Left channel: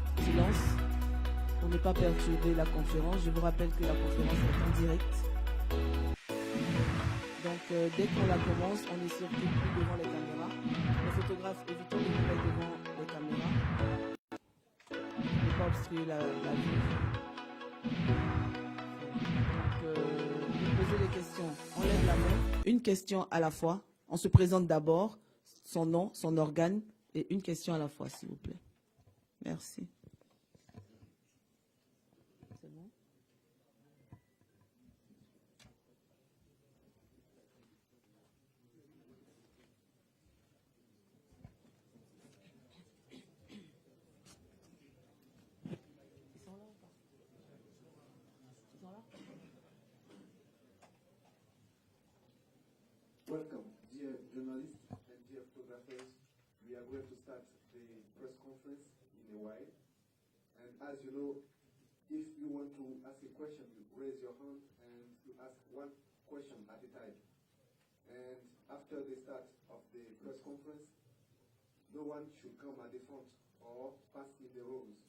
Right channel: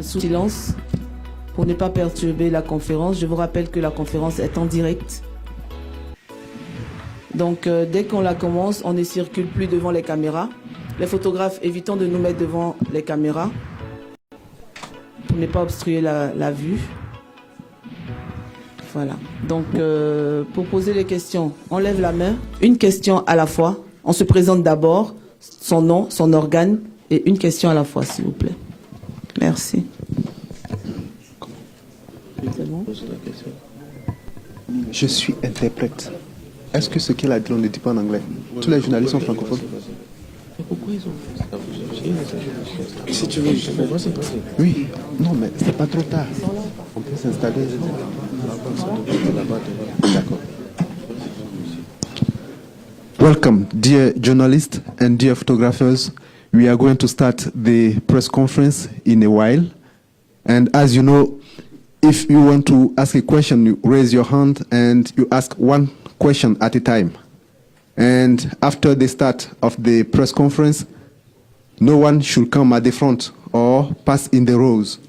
Sous silence pour ne pas perturber la conférence. Je vous rappelle que la conférence est en direct. Donc dès qu'on la commence, on ne circule plus devant les caméras. Les photographes, évitons de nous mettre devant les caméras pour ne pas obstruer la vue. Voilà. Donc, pour poser les questions, on lève la main, une question à la fois. On se présente d'abord, son nom, son organe, et une question à la fois, s'il vous plaît. Merci. Je suis interprète. Est-ce que ce qu'elle a dit, on ne dit pas en anglais? Tous les journalistes sont francophones. Pourquoi ils ont fait ça? Si tu veux, je te vois, c'est pas. Oui, non, mais c'est pas trop tard. On peut s'installer. D'accord. Welcome, dear journalists and dear photographers. We are going to start the press conference in a while. And as you know, if you want to ask a question, you raise your hand and you ask one question at a time. And after the start of the press conference, no one should come at the front or pass in the rows.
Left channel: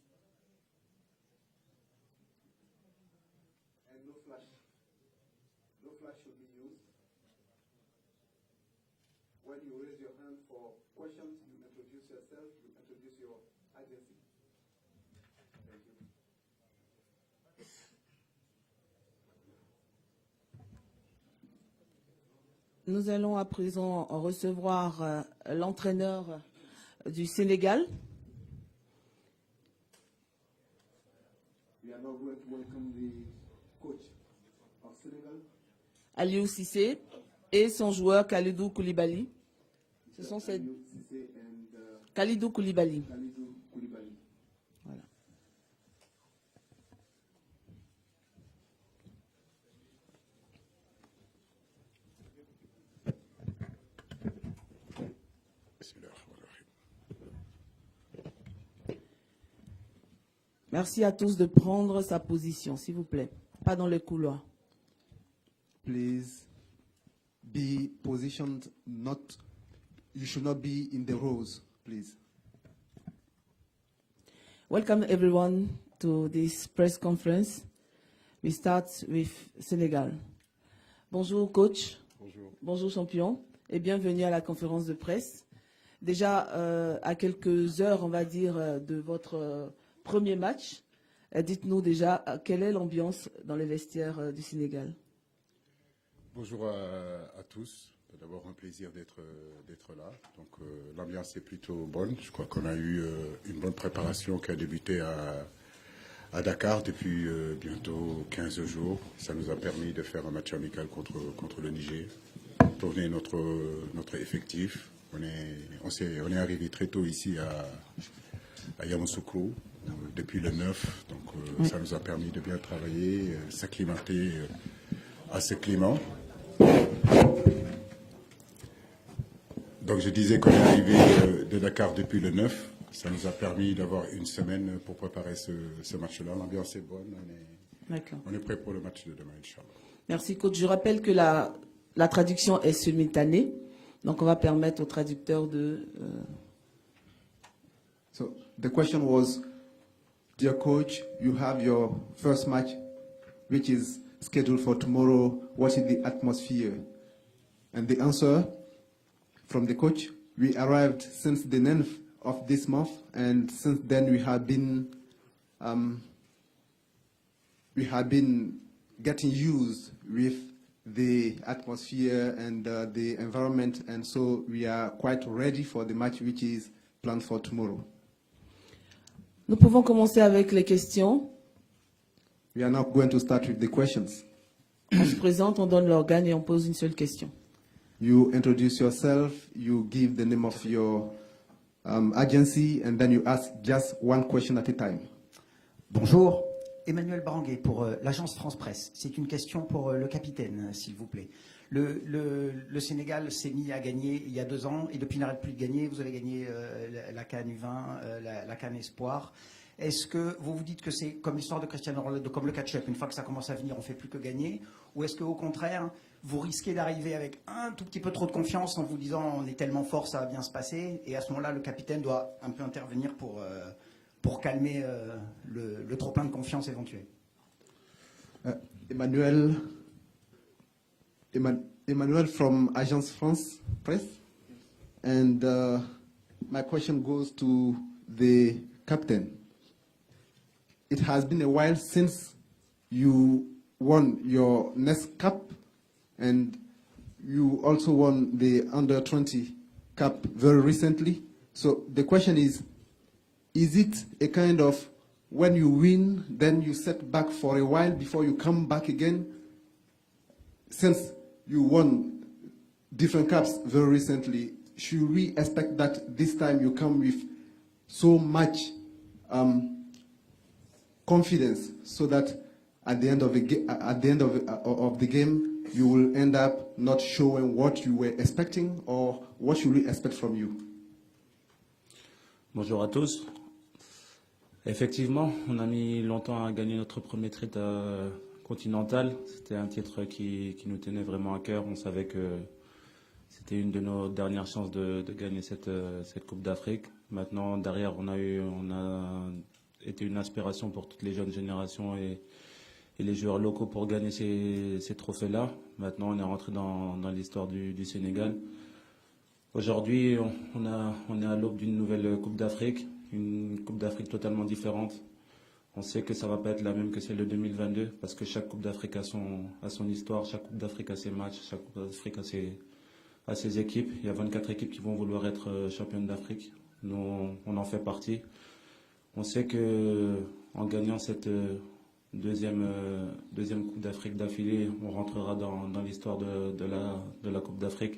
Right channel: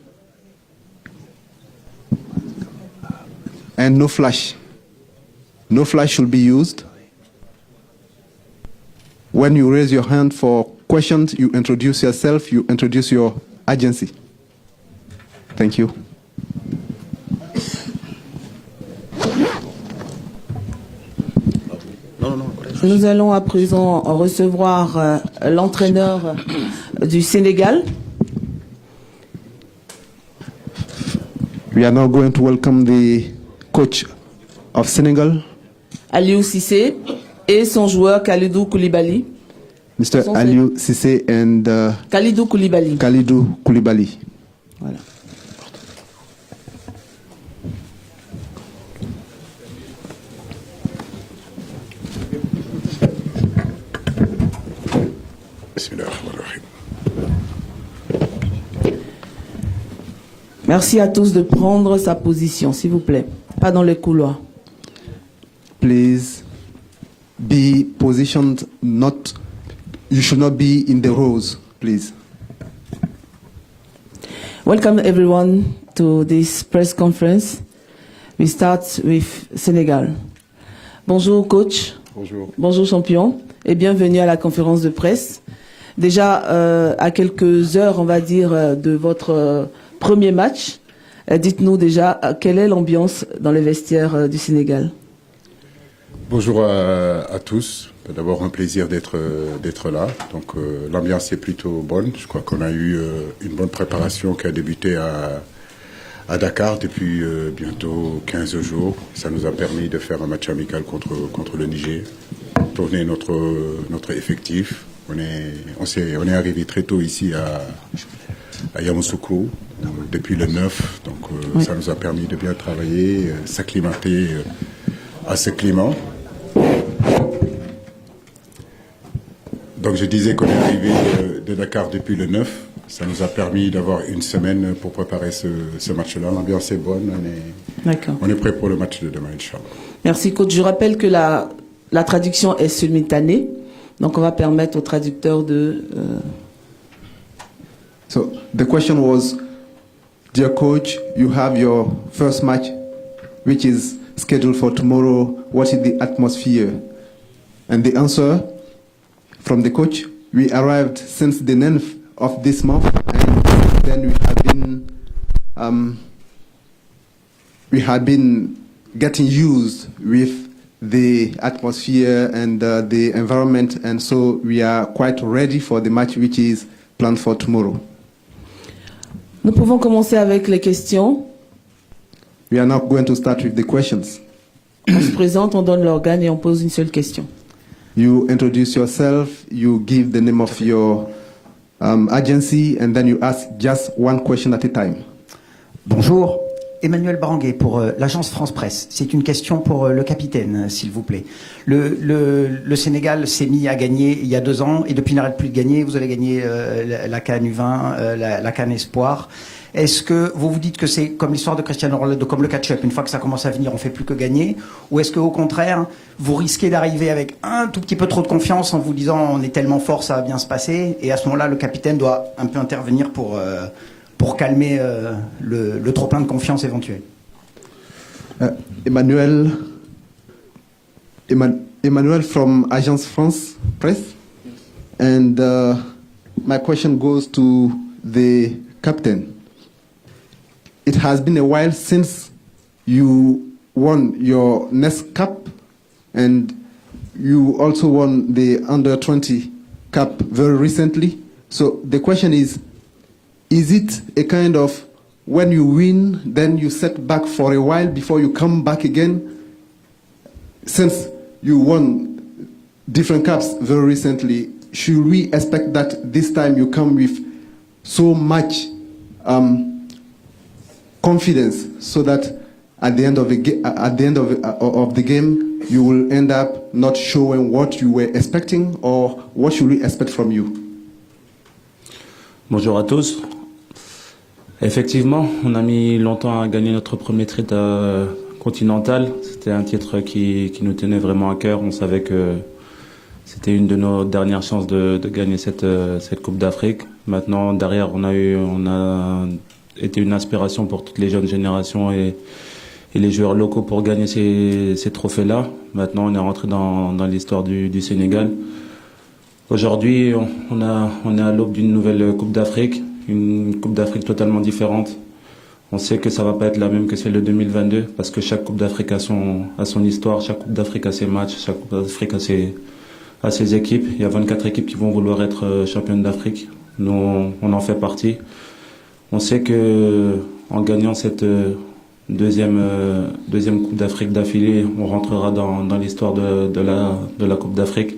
And no flash. No flash should be used. When you raise your hand for questions, you introduce yourself, you introduce your agency. Thank you. Nous allons à présent recevoir l'entraîneur du Sénégal. We are now going to welcome the coach of Senegal, Aliou Cissé, et son joueur Kalidou Koulibaly. Mr. Aliou Cissé and Kalidou Koulibaly. Kalidou Koulibaly. Voilà. Merci à tous de prendre sa position, s'il vous plaît. Pas dans les couloirs. Please be positioned, not, you should not be in the rows, please. Welcome everyone to this press conference. We start with Sénégal. Bonjour coach. Bonjour. Bonjour champion et bienvenue à la conférence de presse. Déjà à quelques heures, on va dire, de votre premier match, dites-nous déjà quelle est l'ambiance dans les vestiaires du Sénégal. Bonjour à tous. D'abord un plaisir d'être là. Donc l'ambiance est plutôt bonne. Je crois qu'on a eu une bonne préparation qui a débuté à Dakar depuis bientôt 15 jours. Ça nous a permis de faire un match amical contre le Niger. Tourner notre effectif. On est arrivé très tôt ici à Yamoussoukro depuis le 9. Donc oui. Ça nous a permis de bien travailler, s'acclimater à ce climat. Donc je disais qu'on est arrivé de Dakar depuis le 9. Ça nous a permis d'avoir une semaine pour préparer ce match-là. L'ambiance est bonne. On est prêt pour le match de demain, Inch'Allah. Merci coach. Je rappelle que la traduction est simultanée. Donc on va permettre aux traducteurs de... So the question was, dear coach, you have your first match, which is scheduled for tomorrow. What is the atmosphere? And the answer from the coach, we arrived since the 9th of this month, and then we had been getting used with the atmosphere and the environment, and so we are quite ready for the match which is planned for tomorrow. Nous pouvons commencer avec les questions. We are now going to start with the questions. On se présente, on donne l'organe et on pose une seule question. You introduce yourself, you give the name of your agency, and then you ask just one question at a time. Bonjour, Emmanuel Baranguet pour l'agence France Presse. C'est une question pour le capitaine, s'il vous plaît. Le Sénégal s'est mis à gagner il y a 2 ans et depuis n'arrête plus de gagner. Vous avez gagné la CAN U20, la CAN Espoir. Est-ce que vous vous dites que c'est comme l'histoire de Cristiano Ronaldo, comme le catch-up, une fois que ça commence à venir, on ne fait plus que gagner? Ou est-ce qu'au contraire, vous risquez d'arriver avec un tout petit peu trop de confiance en vous disant on est tellement fort, ça va bien se passer, et à ce moment-là, le capitaine doit un peu intervenir pour calmer le trop-plein de confiance éventuel? Emmanuel from Agence France Presse. And my question goes to the captain. It has been a while since you won your next cup, and you also won the Under-20 Cup very recently. So the question is it a kind of when you win, then you set back for a while before you come back again? Since you won different cups very recently, should we expect that this time you come with so much confidence so that at the end of the game, you will end up not showing what you were expecting, or what should we expect from you? Bonjour à tous. Effectivement, on a mis longtemps à gagner notre premier titre continental. C'était un titre qui nous tenait vraiment à cœur. On savait que c'était une de nos dernières chances de gagner cette Coupe d'Afrique. Maintenant, derrière, on a été une inspiration pour toutes les jeunes générations et les joueurs locaux pour gagner ces trophées-là. Maintenant, on est rentré dans l'histoire du Sénégal. Aujourd'hui, on est à l'aube d'une nouvelle Coupe d'Afrique, une Coupe d'Afrique totalement différente. On sait que ça ne va pas être la même que celle de 2022, parce que chaque Coupe d'Afrique a son histoire, chaque Coupe d'Afrique a ses matchs, chaque Coupe d'Afrique a ses équipes. Il y a 24 équipes qui vont vouloir être championnes d'Afrique. Nous, on en fait partie. On sait qu'en gagnant cette deuxième Coupe d'Afrique d'affilée, on rentrera dans l'histoire de la Coupe d'Afrique.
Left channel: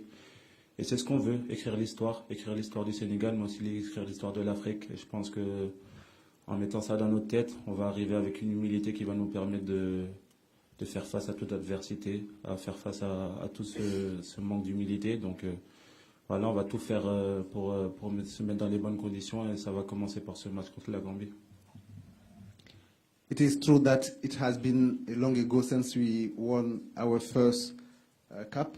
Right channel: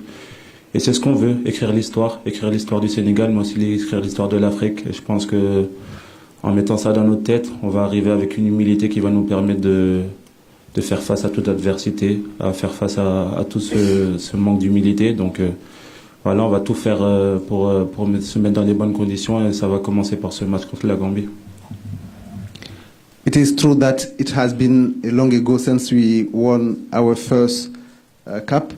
Et c'est ce qu'on veut, écrire l'histoire du Sénégal, mais aussi écrire l'histoire de l'Afrique. Et je pense que en mettant ça dans notre tête, on va arriver avec une humilité qui va nous permettre de faire face à toute adversité, à faire face à tout ce manque d'humilité. Donc voilà, on va tout faire pour se mettre dans les bonnes conditions, et ça va commencer par ce match contre la Gambie. It is true that it has been a long ago since we won our first cup,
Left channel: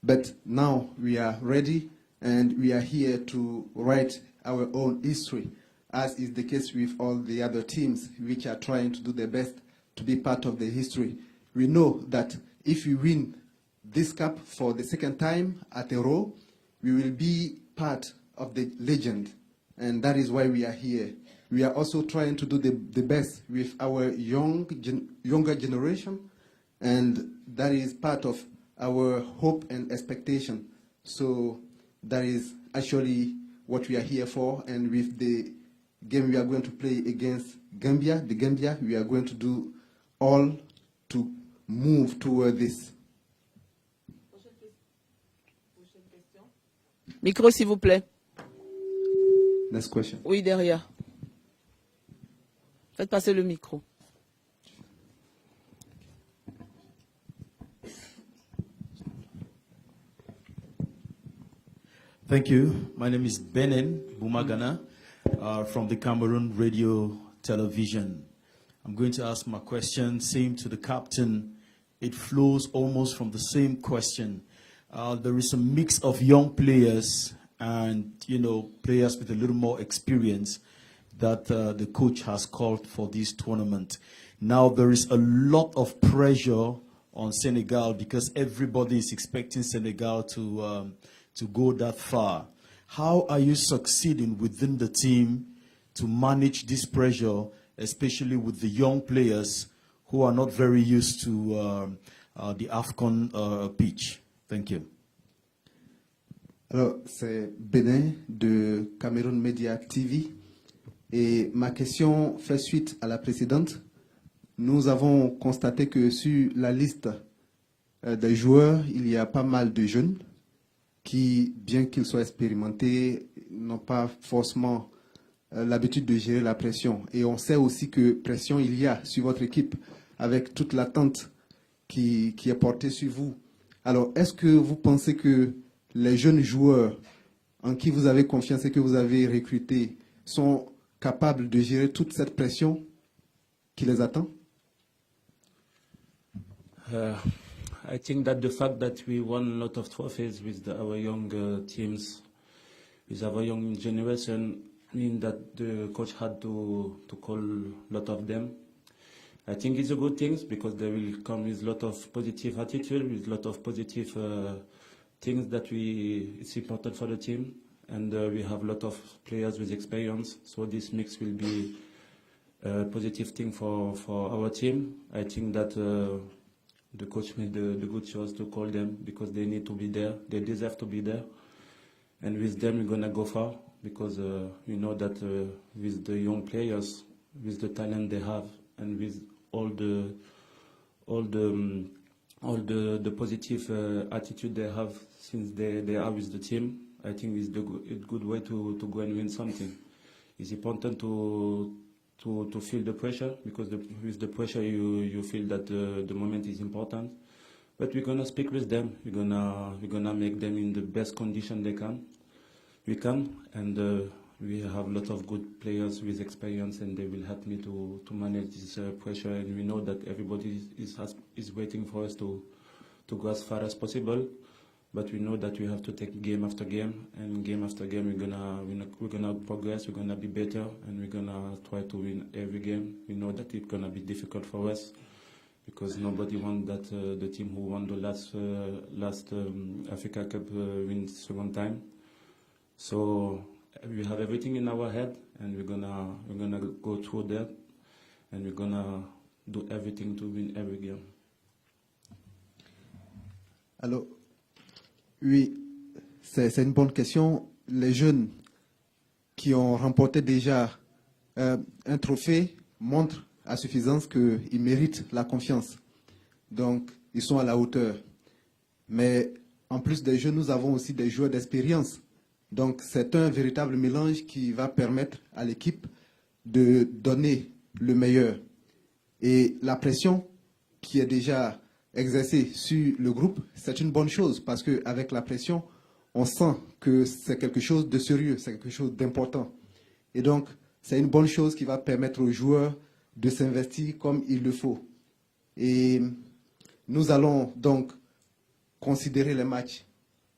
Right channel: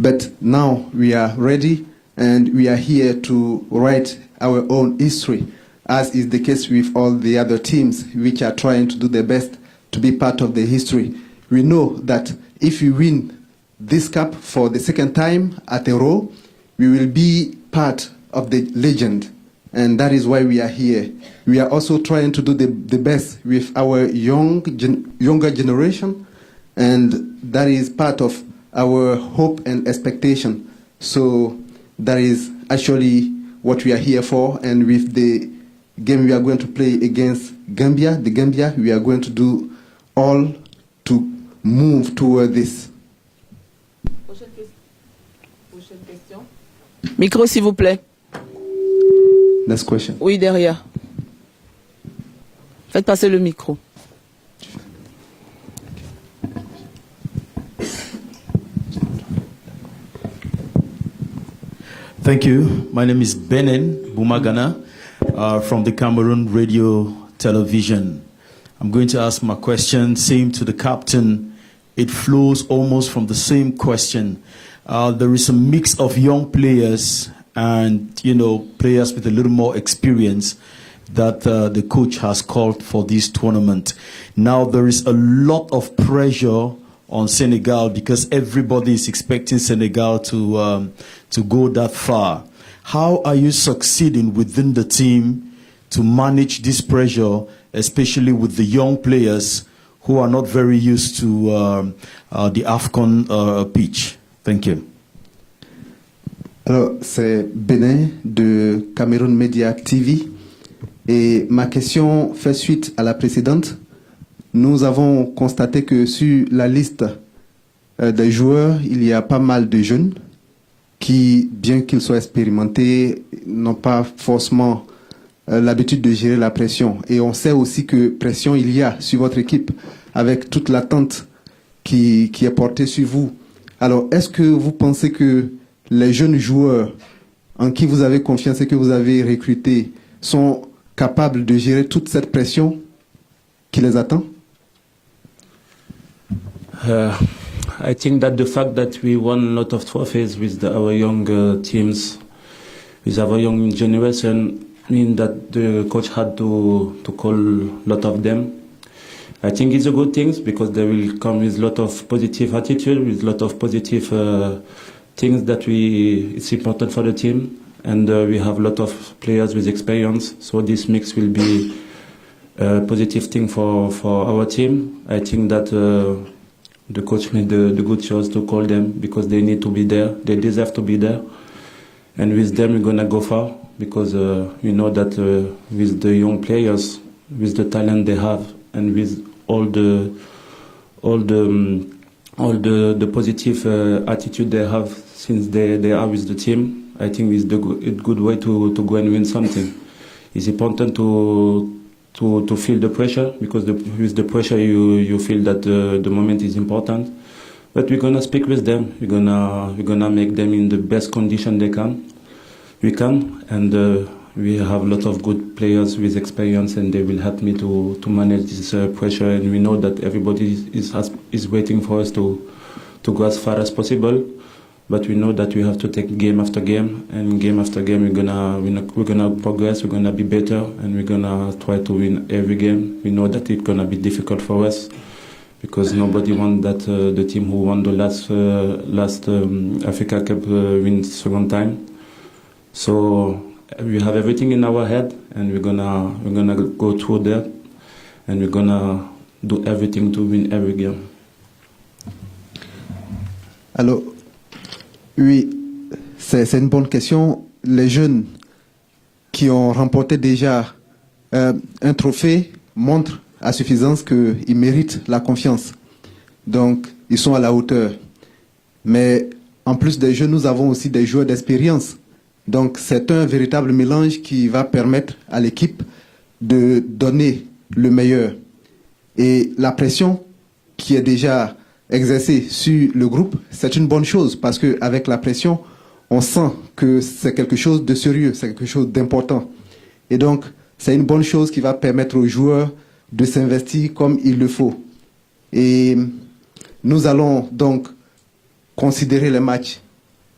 but now we are ready and we are here to write our own history, as is the case with all the other teams which are trying to do their best to be part of the history. We know that if we win this cup for the second time at a row, we will be part of the legend, and that is why we are here. We are also trying to do the best with our younger generation, and that is part of our hope and expectation. So that is actually what we are here for, and with the game we are going to play against Gambia, we are going to do all to move toward this. Prochaine question. Micro, s'il vous plaît. Next question. Oui, derrière. Faites passer le micro. Thank you. My name is Benen Bumagana from the Cameroon Radio Television. I'm going to ask my question, same to the captain. It flows almost from the same question. There is a mix of young players and, players with a little more experience that the coach has called for this tournament. Now, there is a lot of pressure on Senegal because everybody is expecting Senegal to go that far. How are you succeeding within the team to manage this pressure, especially with the young players who are not very used to the AFCON pitch? Thank you. Alors, c'est Benin de Cameroon Media TV. Et ma question fait suite à la précédente. Nous avons constaté que sur la liste des joueurs, il y a pas mal de jeunes qui, bien qu'ils soient expérimentés, n'ont pas forcément l'habitude de gérer la pression. Et on sait aussi que pression il y a sur votre équipe avec toute l'attente qui est portée sur vous. Alors, est-ce que vous pensez que les jeunes joueurs en qui vous avez confiance et que vous avez recrutés sont capables de gérer toute cette pression qui les attend? I think that the fact that we won a lot of trophies with our young teams, with our young generation, mean that the coach had to call a lot of them. I think it's a good thing because they will come with a lot of positive attitude, with a lot of positive things that it's important for the team. and we have a lot of players with experience. So this mix will be a positive thing for our team. I think that the coach made the good choice to call them because they need to be there. They deserve to be there. And with them, we're going to go far because we know that with the young players, with the talent they have, and with all the positive attitude they have since they are with the team, I think it's a good way to go and win something. It's important to feel the pressure because with the pressure you feel that the moment is important. But we're gonna speak with them. We're gonna make them in the best condition we can, and we have a lot of good players with experience, and they will help me to manage this pressure. And we know that everybody is waiting for us to go as far as possible. But we know that we have to take game after game, and game after game we're gonna progress. We're gonna be better, and we're gonna try to win every game. We know that it's gonna be difficult for us because nobody wants that the team who won the last Africa Cup win second time. So we have everything in our head, and we're gonna go through that, and we're gonna do everything to win every game. Alors, oui, c'est une bonne question. Les jeunes qui ont remporté déjà un trophée montrent à suffisance qu'ils méritent la confiance. Donc, ils sont à la hauteur. Mais en plus des jeunes, nous avons aussi des joueurs d'expérience. Donc, c'est un véritable mélange qui va permettre à l'équipe de donner le meilleur. Et la pression qui est déjà exercée sur le groupe, c'est une bonne chose parce qu'avec la pression, on sent que c'est quelque chose de sérieux, c'est quelque chose d'important. Et donc, c'est une bonne chose qui va permettre aux joueurs de s'investir comme il le faut. Et nous allons donc considérer les matchs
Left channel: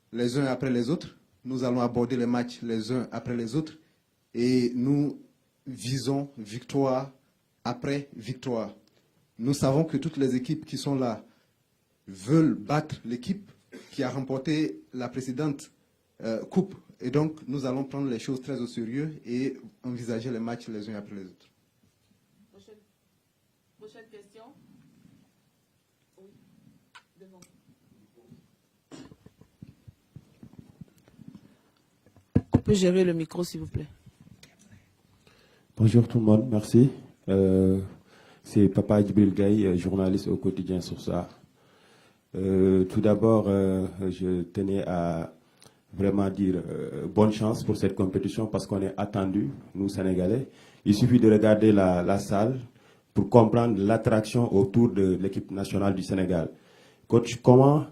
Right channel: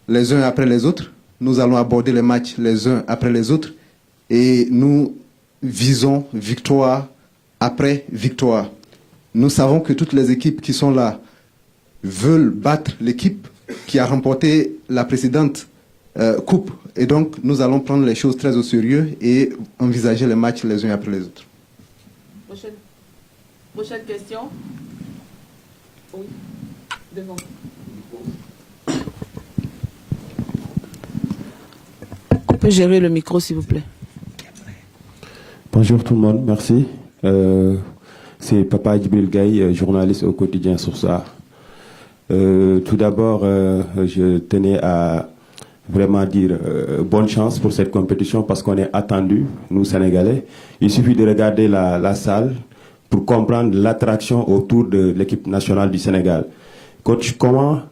les uns après les autres. Nous allons aborder les matchs les uns après les autres. Et nous visons victoire après victoire. Nous savons que toutes les équipes qui sont là veulent battre l'équipe qui a remporté la précédente coupe. Et donc, nous allons prendre les choses très au sérieux et envisager les matchs les uns après les autres. Prochaine question. Oui, devant. On peut gérer le micro, s'il vous plaît. Bonjour tout le monde, merci. C'est Papa Djibril Gaye, journaliste au quotidien Source-A. Tout d'abord, je tenais à vraiment dire bonne chance pour cette compétition parce qu'on est attendu, nous Sénégalais. Il suffit de regarder la salle pour comprendre l'attraction autour de l'équipe nationale du Sénégal. Coach, comment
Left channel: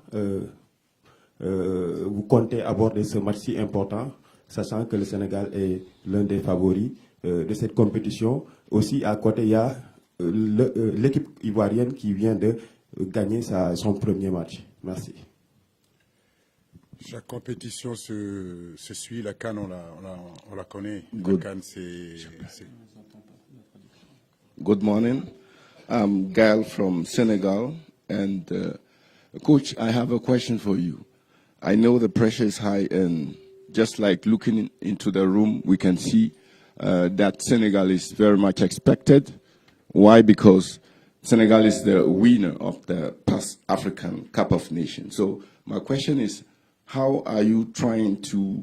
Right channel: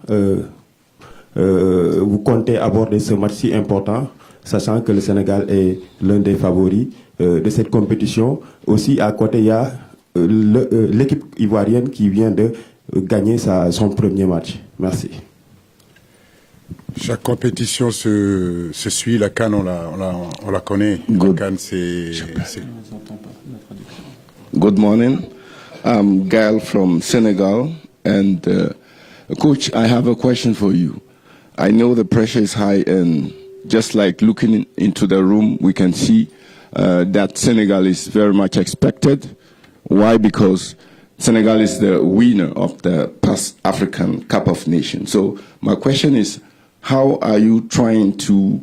vous comptez aborder ce match si important, sachant que le Sénégal est l'un des favoris de cette compétition? Aussi, à côté, il y a l'équipe ivoirienne qui vient de gagner son premier match. Merci. Chaque compétition se suit. La CAN, on la connaît. Good. La CAN, c'est... Good morning. I'm Gael from Senegal. And Coach, I have a question for you. I know the pressure is high, and just like looking into the room, we can see that Senegal is very much expected. Why? Because Senegal is the winner of the past African Cup of Nations. So my question is, how are you trying to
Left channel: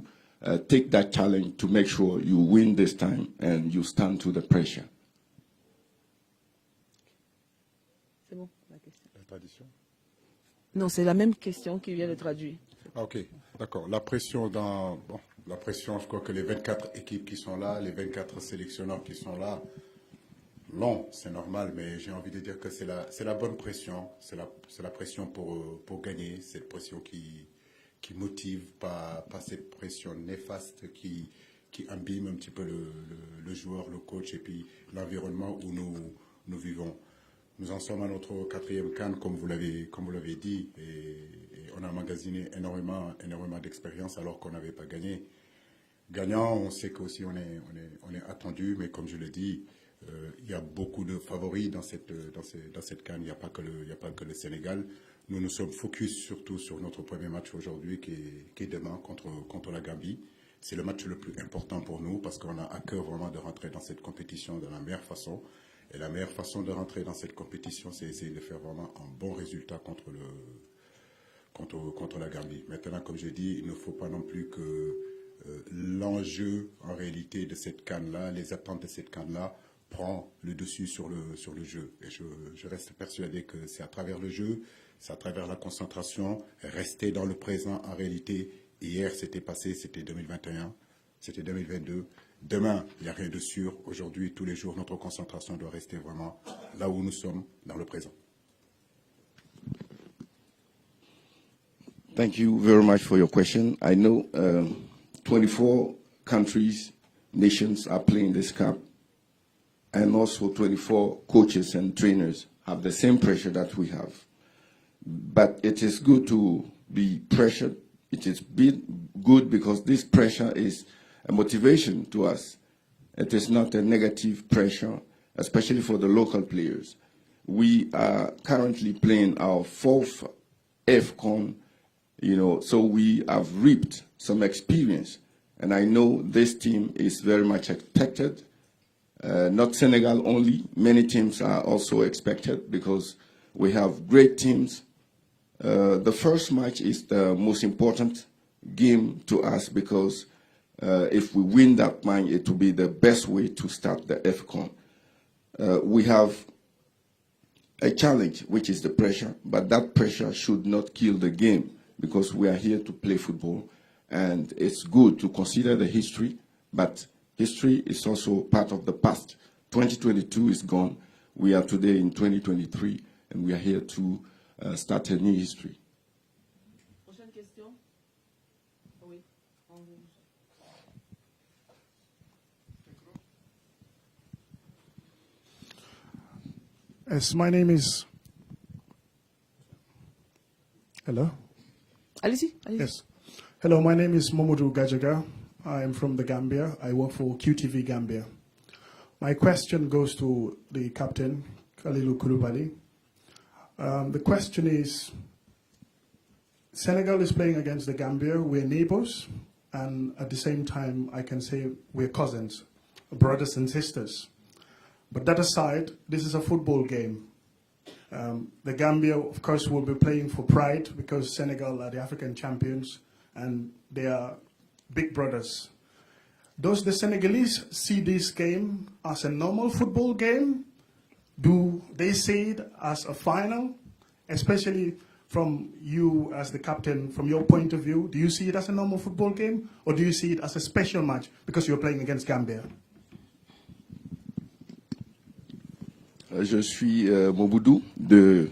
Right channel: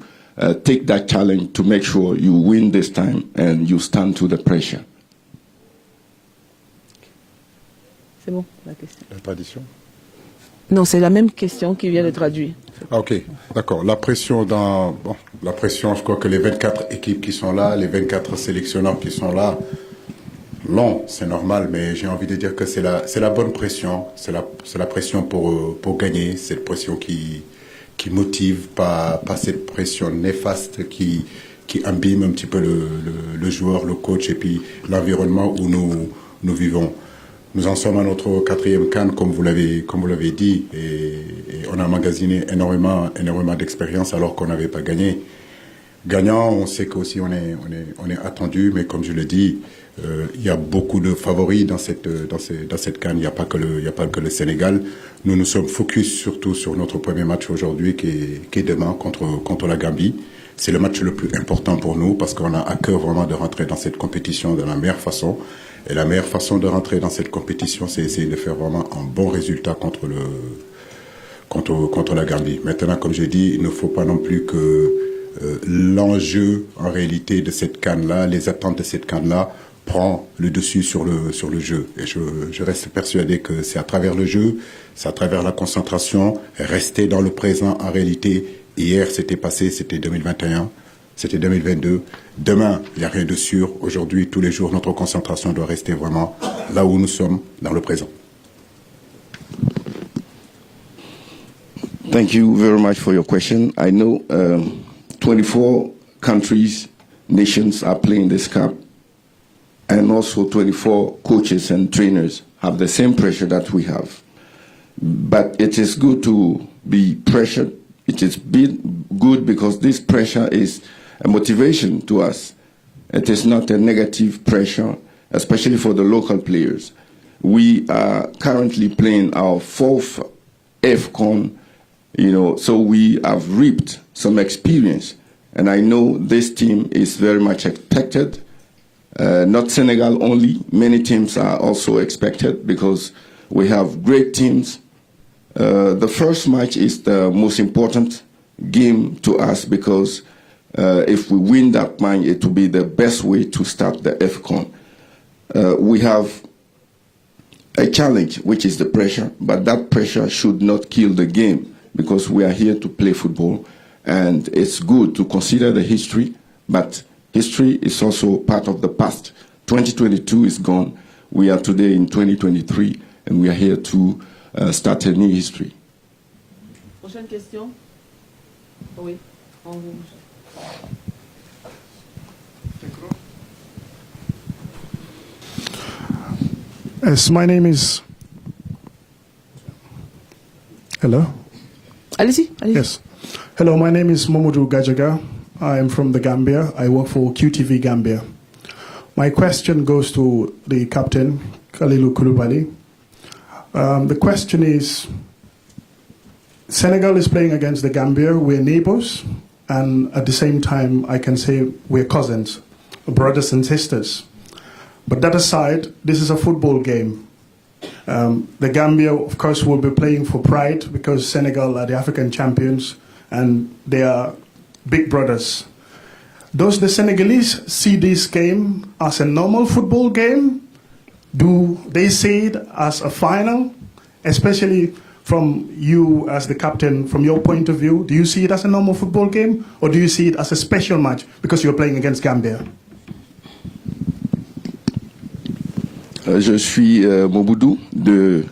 take that challenge to make sure you win this time and you stand to the pressure? C'est bon, la question. La tradition. Non, c'est la même question qui vient de traduire. Ah, ok, d'accord. La pression, je crois que les 24 équipes qui sont là, les 24 sélectionneurs qui sont là, non, c'est normal, mais j'ai envie de dire que c'est la bonne pression. C'est la pression pour gagner. C'est la pression qui motive, pas cette pression néfaste qui abîme un petit peu le joueur, le coach et puis l'environnement où nous vivons. Nous en sommes à notre 4e CAN, comme vous l'avez dit, et on a emmagasiné énormément d'expérience alors qu'on n'avait pas gagné. Gagnant, on sait qu'aussi on est attendu, mais comme je le dis, il y a beaucoup de favoris dans cette CAN. Il n'y a pas que le Sénégal. Nous nous sommes focus surtout sur notre premier match aujourd'hui, qui est demain contre la Gambie. c'est le match le plus important pour nous parce qu'on a à cœur vraiment de rentrer dans cette compétition de la meilleure façon. Et la meilleure façon de rentrer dans cette compétition, c'est essayer de faire vraiment un bon résultat contre la Gambie. Maintenant, comme j'ai dit, il ne faut pas non plus que l'enjeu, en réalité, de cette CAN-là, les attentes de cette CAN-là, prend le dessus sur le jeu. Et je reste persuadé que c'est à travers le jeu, c'est à travers la concentration, rester dans le présent. En réalité, hier, c'était passé, c'était 2021, c'était 2022. Demain, il n'y a rien de sûr. Aujourd'hui, tous les jours, notre concentration doit rester vraiment là où nous sommes, dans le présent. Thank you very much for your question. I know 24 countries, nations are playing this cup, and also 24 coaches and trainers have the same pressure that we have. But it is good to be pressured. It is good because this pressure is a motivation to us. It is not a negative pressure, especially for the local players. We are currently playing our 4th AFCON, so we have reaped some experience. And I know this team is very much expected. Not Senegal only, many teams are also expected because we have great teams. The first match is the most important game to us because if we win that match, it will be the best way to start the AFCON. We have a challenge, which is the pressure, but that pressure should not kill the game because we are here to play football. And it's good to consider the history, but history is also part of the past. 2022 is gone. We are today in 2023, and we are here to start a new history. Prochaine question. Oui. Yes, my name is... Hello? Allez-y. Yes. Hello, my name is Momodu Gajaga. I am from the Gambia. I work for QTV Gambia. My question goes to the captain, Kalilu Koulibaly. The question is, Senegal is playing against the Gambia. We're neighbors, and at the same time, I can say we're cousins, brothers and sisters. But that aside, this is a football game. The Gambia, of course, will be playing for pride because Senegal are the African champions and they are big brothers. Does the Senegalese see this game as a normal football game? Do they see it as a final? Especially from you as the captain, from your point of view, do you see it as a normal football game or do you see it as a special match because you're playing against Gambia? Je suis Moboudou de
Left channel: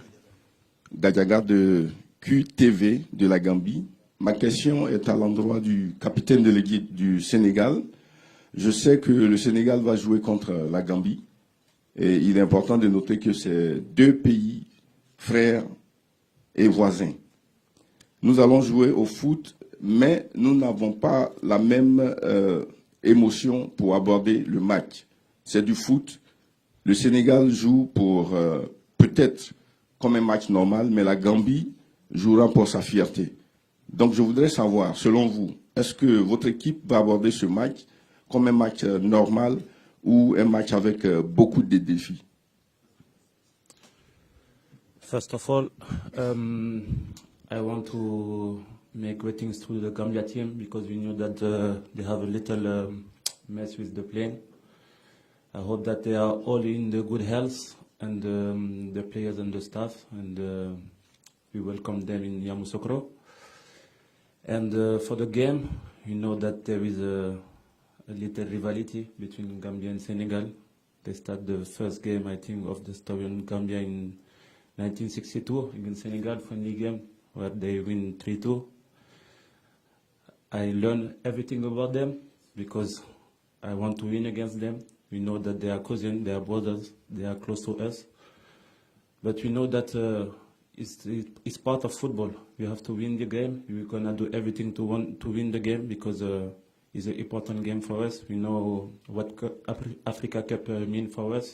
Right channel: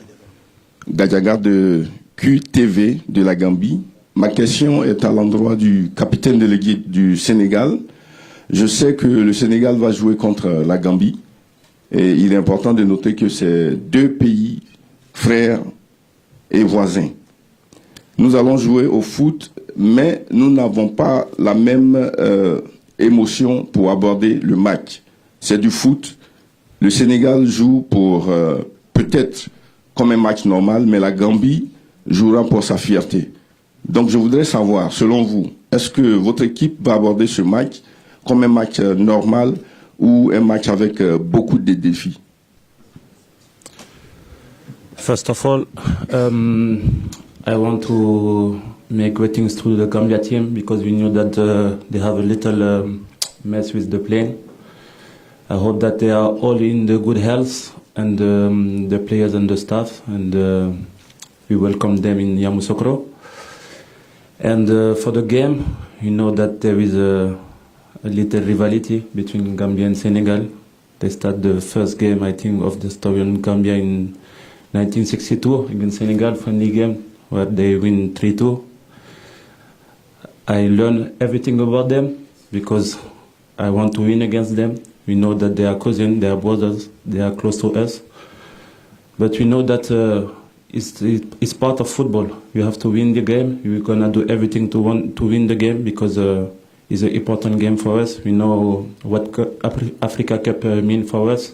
Gadjaga de QTV de la Gambie. Ma question est à l'endroit du capitaine de l'équipe du Sénégal. Je sais que le Sénégal va jouer contre la Gambie et il est important de noter que c'est 2 pays frères et voisins. Nous allons jouer au foot, mais nous n'avons pas la même émotion pour aborder le match. C'est du foot. Le Sénégal joue pour peut-être comme un match normal, mais la Gambie jouera pour sa fierté. Donc je voudrais savoir, selon vous, est-ce que votre équipe va aborder ce match comme un match normal ou un match avec beaucoup de défis? First of all, I want to make greetings to the Gambia team because we knew that they have a little mess with the plane. I hope that they are all in the good health and the players and the staff, and we welcome them in Yamoussoukro. And for the game, you know that there is a little rivalry between Gambia and Senegal. They start the first game, I think, of the story in Gambia in 1962 against Senegal, friendly game, where they win 3-2. I learned everything about them because I want to win against them. We know that they are cousins, they are brothers, they are close to us. But we know that it's part of football. You have to win the game. We're going to do everything to win the game because it's an important game for us. We know what Africa Cup means for us.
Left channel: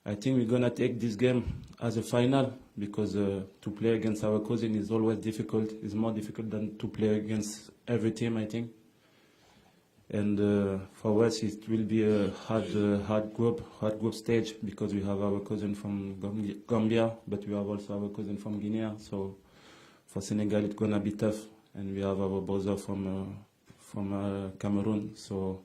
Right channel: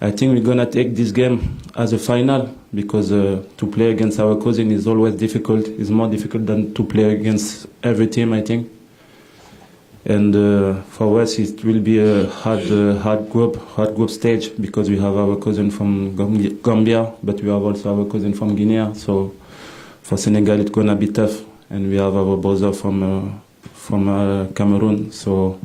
I think we're going to take this game as a final because to play against our cousin is always difficult. It's more difficult than to play against every team, I think. And for us, it will be a hard group stage because we have our cousin from Gambia, but we have also our cousin from Guinea. So for Senegal, it's gonna be tough, and we have our brother from Cameroon. So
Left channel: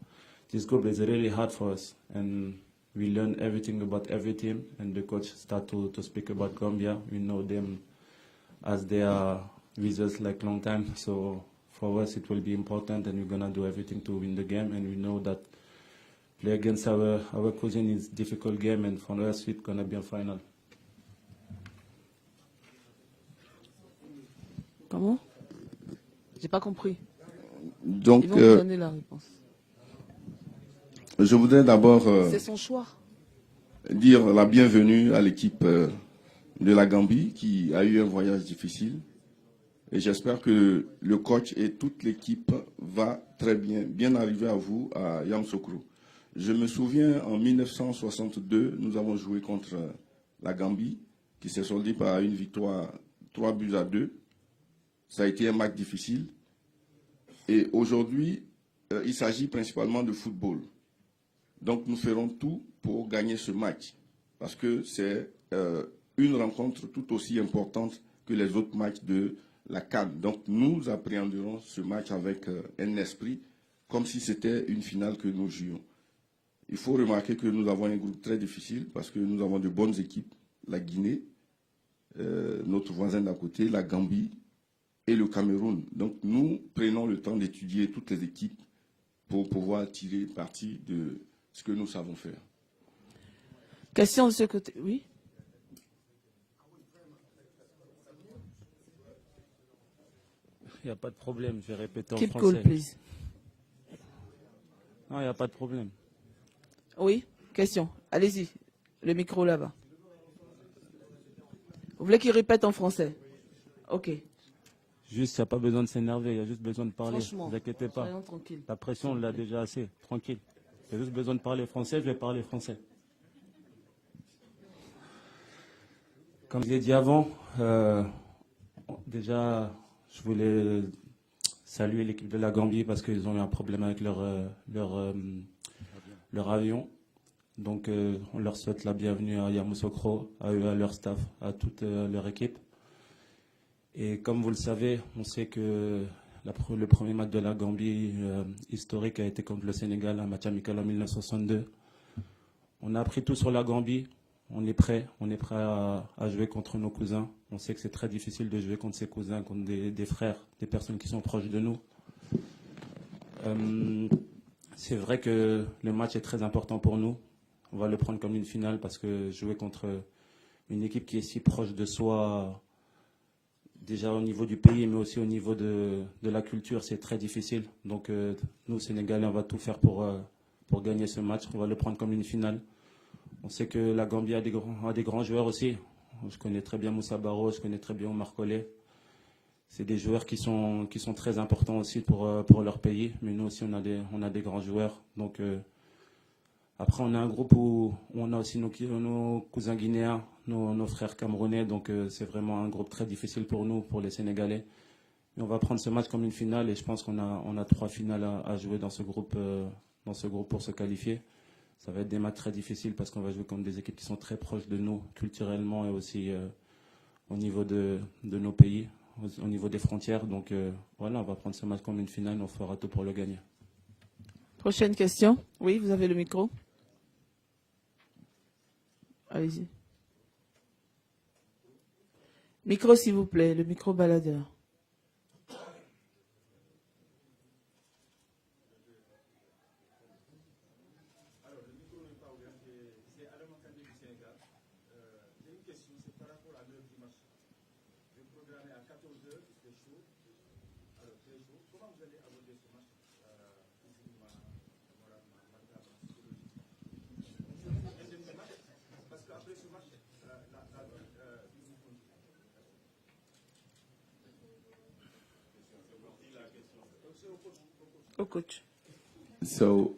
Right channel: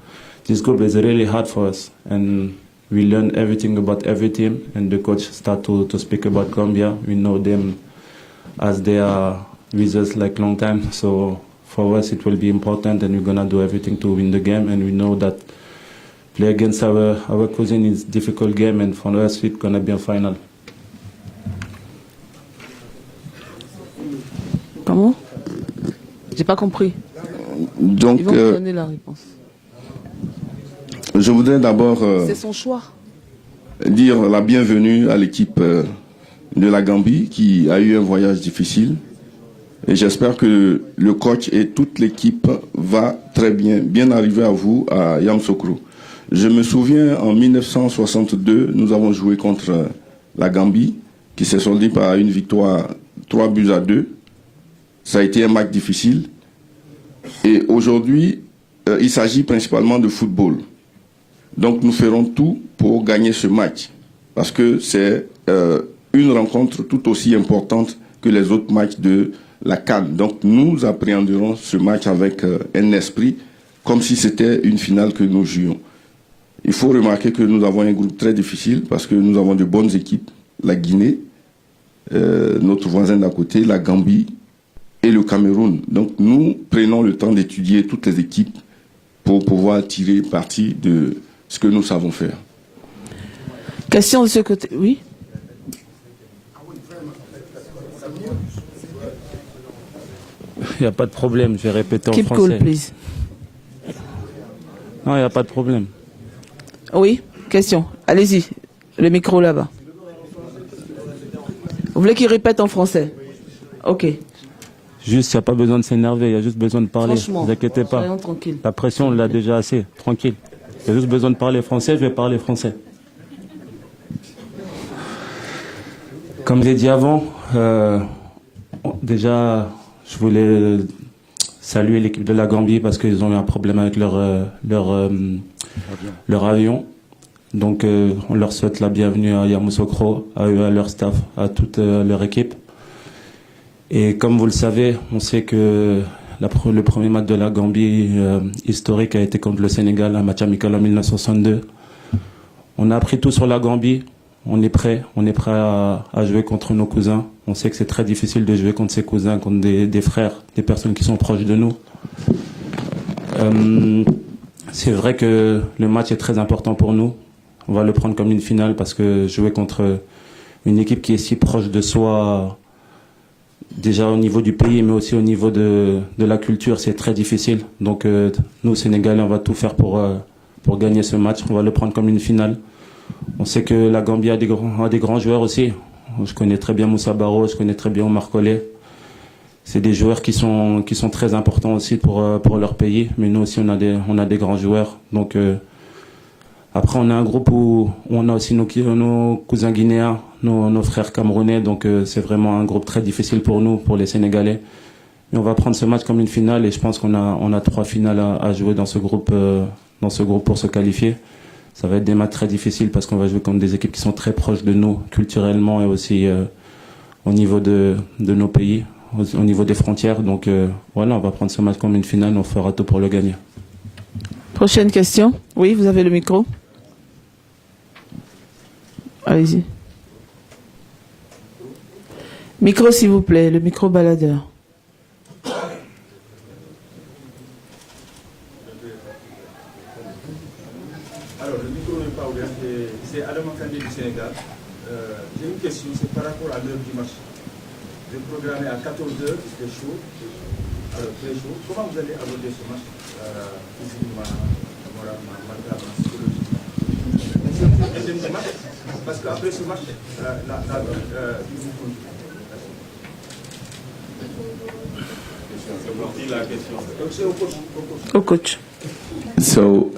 this group is really hard for us, and we learn everything about every team. And the coach start to speak about Gambia. We know them as they are with us like long time. So for us, it will be important, and we're gonna do everything to win the game. And we know that play against our cousin is a difficult game, and for us, it's gonna be a final. Comment? J'ai pas compris. Donc, Ils vont me donner la réponse. je voudrais d'abord C'est son choix. dire la bienvenue à l'équipe de la Gambie qui a eu un voyage difficile. Et j'espère que le coach et toute l'équipe va très bien arriver à vous à Yamoussoukro. Je me souviens en 1962, nous avons joué contre la Gambie qui s'est soldée par une victoire 3-2. Ça a été un match difficile. Et aujourd'hui, il s'agit principalement de football. Donc nous ferons tout pour gagner ce match. Parce que c'est une rencontre tout aussi importante que les autres matchs de la CAN. Donc nous appréhenderons ce match avec un esprit comme si c'était une finale que nous jouions. Il faut remarquer que nous avons un groupe très difficile parce que nous avons de bonnes équipes. La Guinée, notre voisin d'à côté, la Gambie et le Cameroun. Donc nous prenons le temps d'étudier toutes les équipes pour pouvoir tirer parti de ce que nous savons faire. Question de ce côté. Oui. Il n'y a pas de problème, je vais répéter en Keep français. cool, please. Non, il n'y a pas de problème. Oui, question. Allez-y. Le micro là-bas. Vous voulez qu'il répète en français? Ok. Juste, il n'y a pas besoin de s'énerver, il y a juste besoin de parler. Franchement, Ne vous inquiétez pas. soyons tranquilles. La pression, on l'a déjà assez. Tranquille. Il y a juste besoin de parler français, je vais parler français. Comme j'ai dit avant, déjà, je voulais saluer l'équipe de la Gambie parce qu'ils ont eu un problème avec leur avion. Donc, on leur souhaite la bienvenue à Yamoussoukro, à eux, à leur staff, à toute leur équipe. Et comme vous le savez, on sait que le premier match de la Gambie historique a été contre le Sénégal, un match amical en 1962. On a appris tout sur la Gambie. On est prêt à jouer contre nos cousins. On sait que c'est très difficile de jouer contre ses cousins, contre des frères, des personnes qui sont proches de nous. C'est vrai que le match est très important pour nous. On va le prendre comme une finale parce que jouer contre une équipe qui est si proche de soi, déjà au niveau du pays, mais aussi au niveau de la culture, c'est très difficile. Donc nous, Sénégalais, on va tout faire pour gagner ce match. On va le prendre comme une finale. On sait que la Gambie a des grands joueurs aussi. Je connais très bien Moussa Barrow, je connais très bien Omar Colley. C'est des joueurs qui sont très importants aussi pour leur pays. Mais nous aussi, on a des grands joueurs. Donc après, on a un groupe où on a aussi nos cousins guinéens, nos frères camerounais. Donc c'est vraiment un groupe très difficile pour nous, pour les Sénégalais. Mais on va prendre ce match comme une finale et je pense qu'on a 3 finales à jouer dans ce groupe pour se qualifier. Ça va être des matchs très difficiles parce qu'on va jouer contre des équipes qui sont très proches de nous, culturellement et aussi au niveau de nos pays, au niveau des frontières. Donc voilà, on va prendre ce match comme une finale, on fera tout pour le gagner. Prochaine question. Oui, vous avez le micro. Allez-y. Micro, s'il vous plaît, le micro baladeur. Alors, le micro n'est pas ouvert, c'est Adam Kandé du Sénégal. J'ai une question, c'est par rapport à l'heure du match. Vous êtes programmé à 14h, c'est chaud. Alors, très chaud. Comment vous allez aborder ce match physiquement, moralement, mentalement, psychologiquement? Deuxième match, parce qu'après ce match, il vous compte. Au coach. So,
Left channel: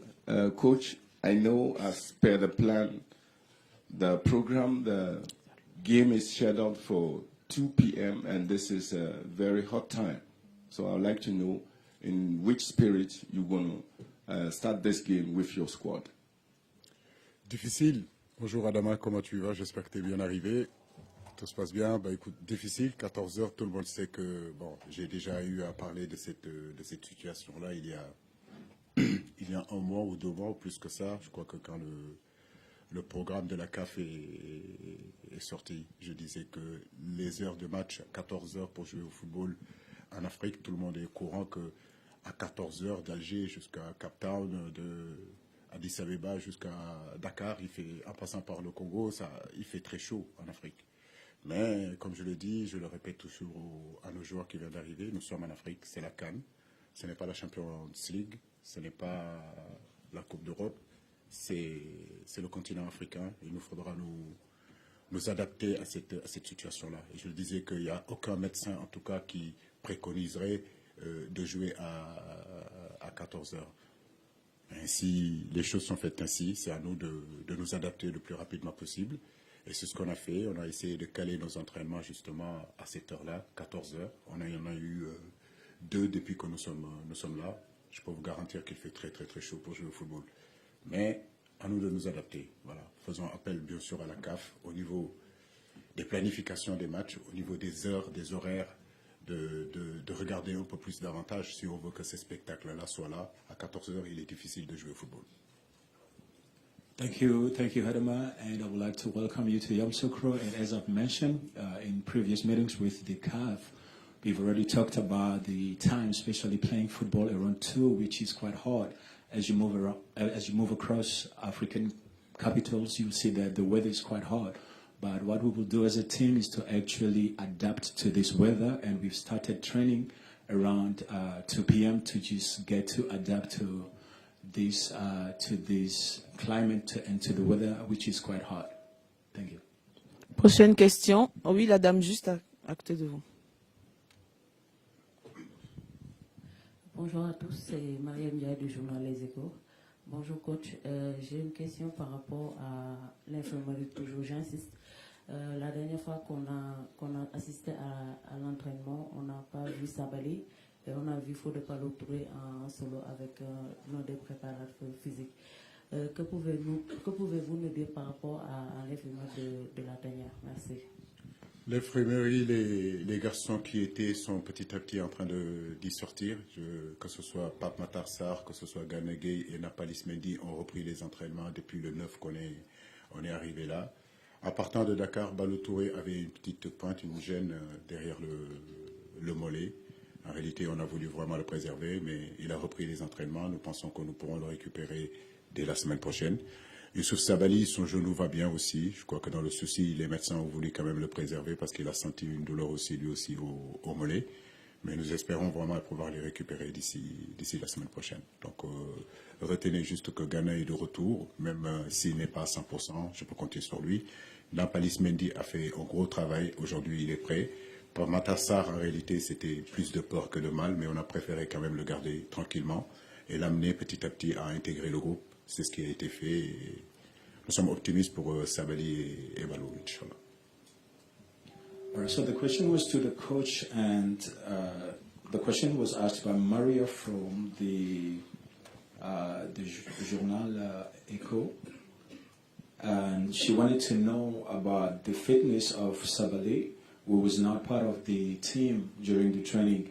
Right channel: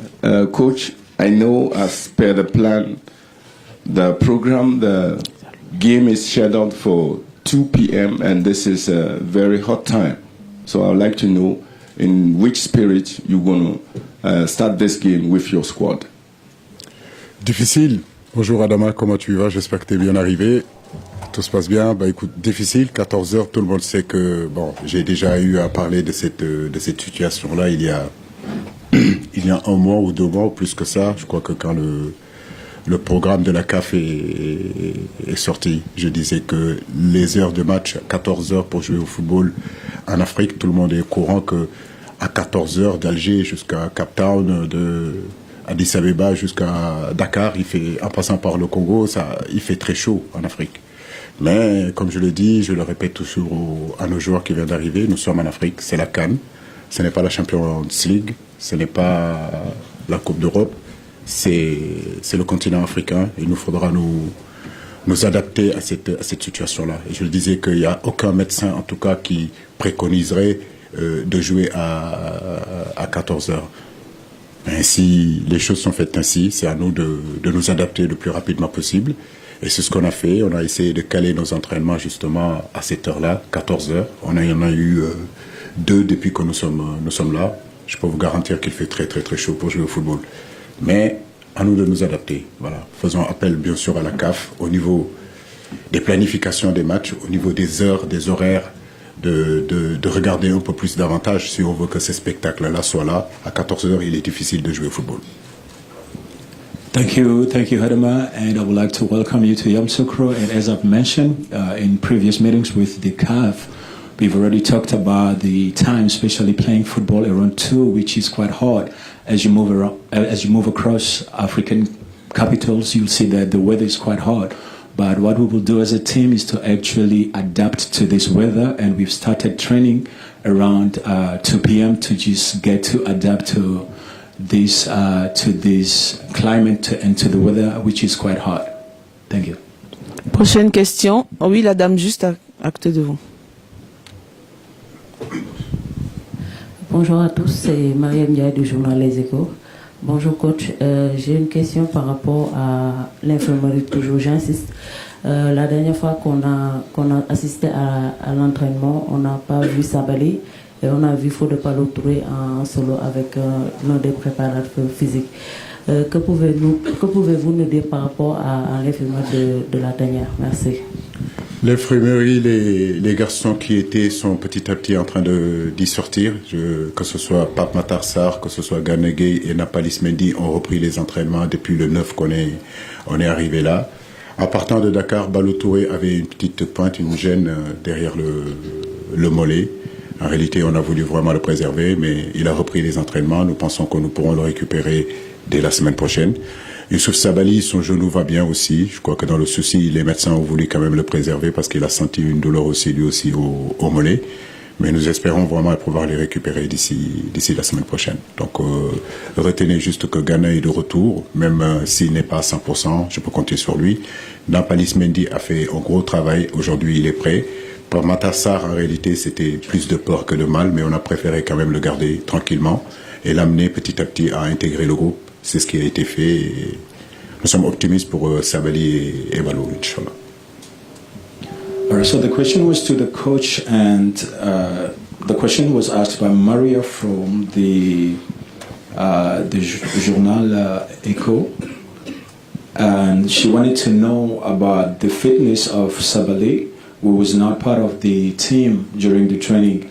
Coach, I know as per the plan, the program, the game is scheduled for 2 p.m. and this is a very hot time. So I would like to know in which spirit you're going to start this game with your squad? Difficile. Bonjour Adama, comment tu vas? J'espère que tu es bien arrivé. Tout se passe bien. Bah écoute, difficile. 14h, tout le monde sait que bon, j'ai déjà eu à parler de cette situation-là il y a un mois ou 2 mois ou plus que ça. Je crois que quand le programme de la CAF est sorti, je disais que les heures de match, 14h pour jouer au football en Afrique, tout le monde est au courant que à 14h d'Alger jusqu'à Cape Town, de Addis Abeba jusqu'à Dakar, en passant par le Congo, il fait très chaud en Afrique. Mais comme je le dis, je le répète toujours à nos joueurs qui viennent d'arriver, nous sommes en Afrique, c'est la CAN, ce n'est pas la Champions League, ce n'est pas la Coupe d'Europe, c'est le continent africain. Il nous faudra nous adapter à cette situation-là. Et je le disais qu'il n'y a aucun médecin, en tout cas, qui préconiserait de jouer à 14 heures. Mais si les choses sont faites ainsi, c'est à nous de nous adapter le plus rapidement possible. Et c'est ce qu'on a fait. On a essayé de caler nos entraînements justement à cette heure-là, 14 heures. On en a eu 2 depuis que nous sommes là. Je peux vous garantir qu'il fait très très très chaud pour jouer au football. Mais à nous de nous adapter. Voilà. Faisons appel bien sûr à la CAF au niveau des planifications des matchs, au niveau des heures, des horaires, de regarder un peu plus davantage si on veut que ces spectacles-là soient là. À 14 heures, il est difficile de jouer au football. Thank you, Hadama, and I would like to welcome you to Yamoussoukro. And as I've mentioned in previous meetings with the CAF, we've already talked about the time, especially playing football around 2, which is quite hard. As you move across African capitals, you'll see that the weather is quite hard. But what we will do as a team is to actually adapt to this weather, and we've started training around 2 p.m. to just get to adapt to this climate and to the weather, which is quite hot. Thank you. Prochaine question. Oh oui, la dame juste à côté de vous. Bonjour à tous, c'est Mariam Ndiaye du journal Les Échos. Bonjour coach, j'ai une question par rapport à l'infirmerie, toujours j'insiste. La dernière fois qu'on a assisté à l'entraînement, on n'a pas vu Sabali et on a vu Fodé Ballo-Touré en solo avec l'un des préparateurs physiques. Que pouvez-vous nous dire par rapport à l'infirmerie de la dernière? Merci. L'infirmerie, les garçons qui sont petit à petit en train d'y sortir, que ce soit Pape Matar Sarr, que ce soit Gana Gueye et Nampalys Mendy ont repris les entraînements depuis le 9 qu'on est arrivé là. En partant de Dakar, Ballo-Touré avait une petite pointe, une gêne derrière le mollet. En réalité, on a voulu vraiment le préserver, mais il a repris les entraînements. Nous pensons que nous pourrons le récupérer dès la semaine prochaine. Youssouf Sabaly, son genou va bien aussi. Je crois que dans le souci, les médecins ont voulu quand même le préserver parce qu'il a senti une douleur aussi, lui aussi, au mollet. Mais nous espérons vraiment pouvoir les récupérer d'ici la semaine prochaine. Donc, retenez juste que Gana est de retour, même s'il n'est pas à 100%, je peux compter sur lui. Nampalys Mendy a fait un gros travail. Aujourd'hui, il est prêt. Pour Matar Sarr, en réalité, c'était plus de peur que de mal, mais on a préféré quand même le garder tranquillement et l'amener petit à petit à intégrer le groupe. C'est ce qui a été fait. Et nous sommes optimistes pour Sabaly et Ballo, Inch'Allah. All right, so the question was to the coach, and the question was asked by Maria from the journal Echo, and she wanted to know about the fitness of Sabaly, who was not part of the team during the training.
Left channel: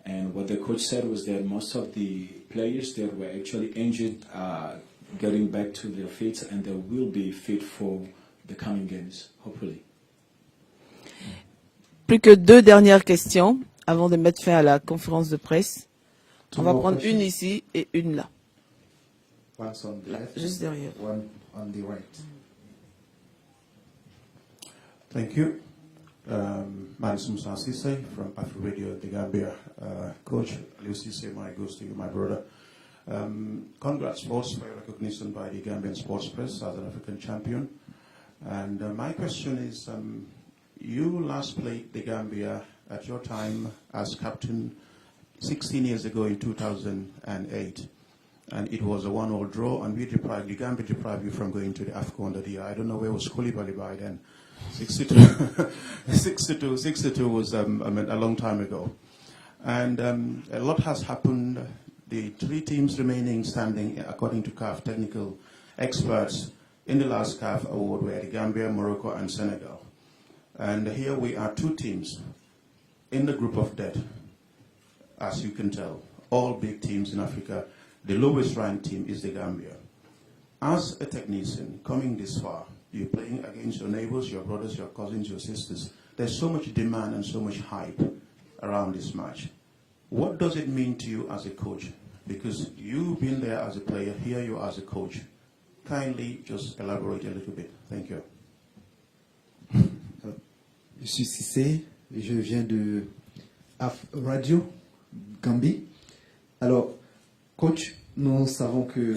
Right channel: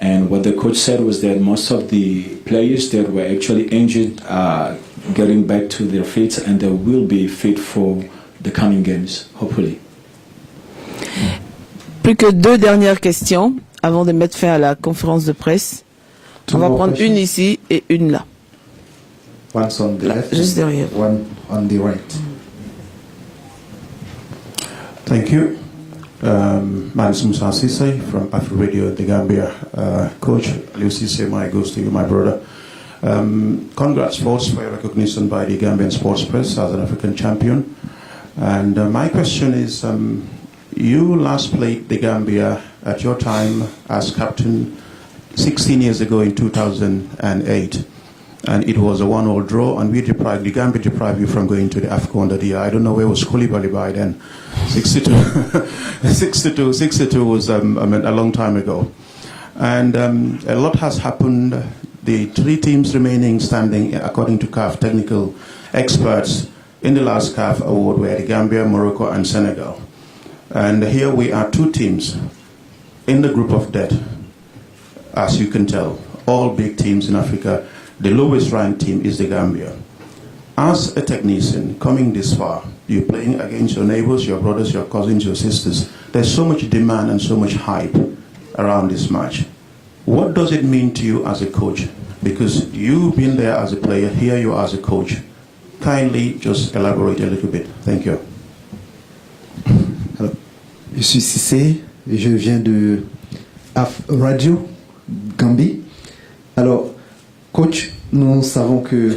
And what the coach said was that most of the players that were actually injured are getting back to their feet, and they will be fit for the coming games, hopefully. Plus que 2 dernières questions avant de mettre fin à la conférence de presse. On va prendre une ici et une là. One on the left, juste derrière. One on the right. Thank you. My name is Musa Sisse from Afro Radio, The Gambia. Coach Lucy Sema goes to you, my brother. Congrats first for your recognition by the Gambian Sports Press as an African champion. And my question is, you last played the Gambia at your time as captain 16 years ago in 2008. And it was a 1-1 draw, and the Gambia deprived you from going to the AFCON that year. I don't know where was Koulibaly by then. 62 was a long time ago. And a lot has happened. The 3 teams remaining standing, according to CAF technical experts, in the last CAF award were the Gambia, Morocco, and Senegal. And here we are 2 teams in the group of death, as you can tell. All big teams in Africa, the lowest ranked team is the Gambia. As a technician coming this far, you're playing against your neighbors, your brothers, your cousins, your sisters. There's so much demand and so much hype around this match. What does it mean to you as a coach? Because you've been there as a player, here you are as a coach. Kindly just elaborate a little bit. Thank you. Alors, je suis Cissé et je viens de AF Radio Gambie. Alors, coach, nous savons que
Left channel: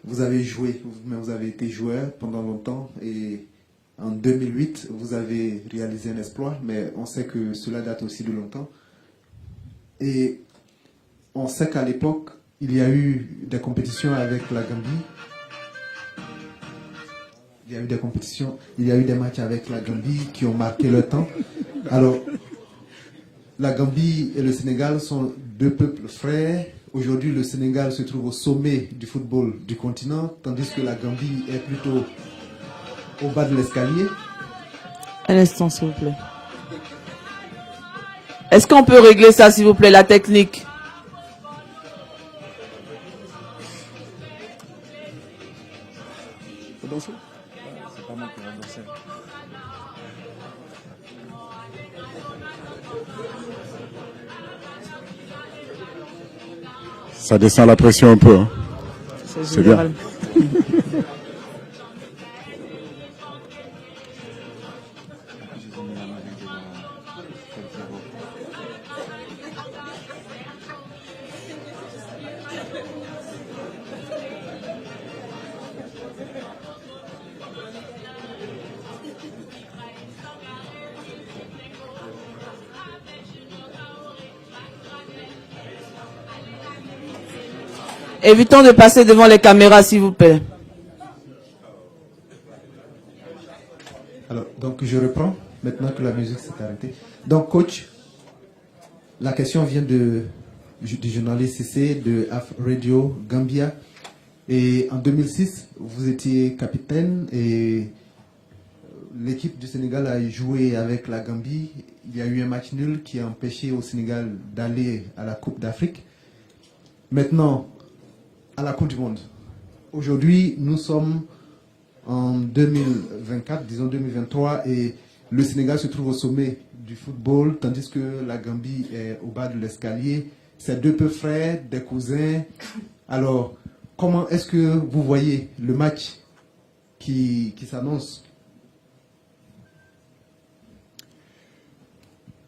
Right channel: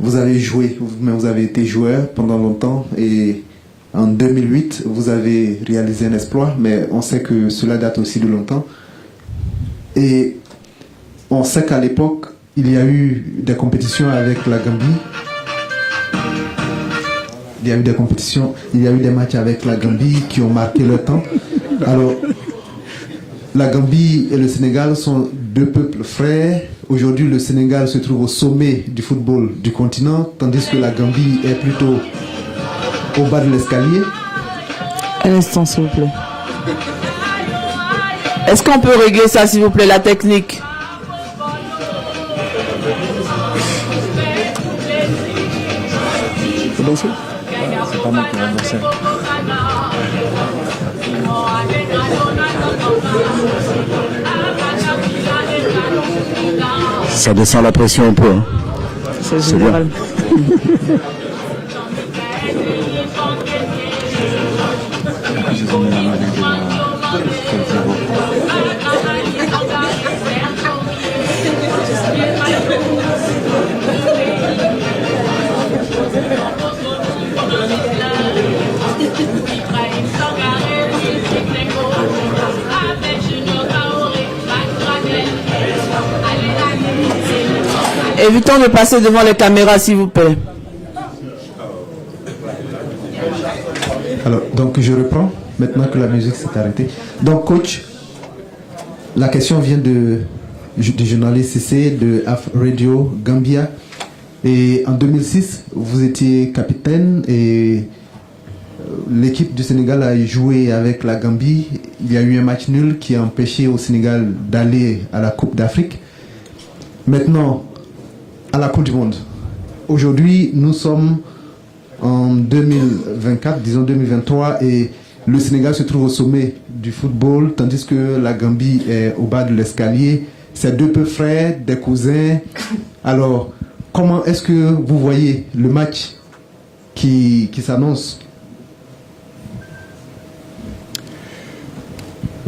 vous avez joué, vous avez été joueur pendant longtemps et en 2008, vous avez réalisé un exploit, mais on sait que cela date aussi de longtemps. Et on sait qu'à l'époque, il y a eu des compétitions avec la Gambie. Il y a eu des compétitions, il y a eu des matchs avec la Gambie qui ont marqué le temps. Alors, la Gambie et le Sénégal sont 2 peuples frères. Aujourd'hui, le Sénégal se trouve au sommet du football du continent, tandis que la Gambie est plutôt au bas de l'escalier. Un instant, s'il vous plaît. Est-ce qu'on peut régler ça, s'il vous plaît, la technique? Faut danser? C'est pas moi qui vais danser. Ça descend la pression un peu. C'est génial. Évitons de passer devant les caméras, s'il vous plaît. Alors, donc je reprends, maintenant que la musique s'est arrêtée. Donc, coach, la question vient du journaliste CC de AF Radio Gambia. Et en 2006, vous étiez capitaine et l'équipe du Sénégal a joué avec la Gambie. Il y a eu un match nul qui a empêché au Sénégal d'aller à la Coupe d'Afrique. Maintenant, à la Coupe du Monde. Aujourd'hui, nous sommes en 2024, disons 2023, et le Sénégal se trouve au sommet du football, tandis que la Gambie est au bas de l'escalier. C'est 2 peu frères, des cousins. Alors, comment est-ce que vous voyez le match qui s'annonce?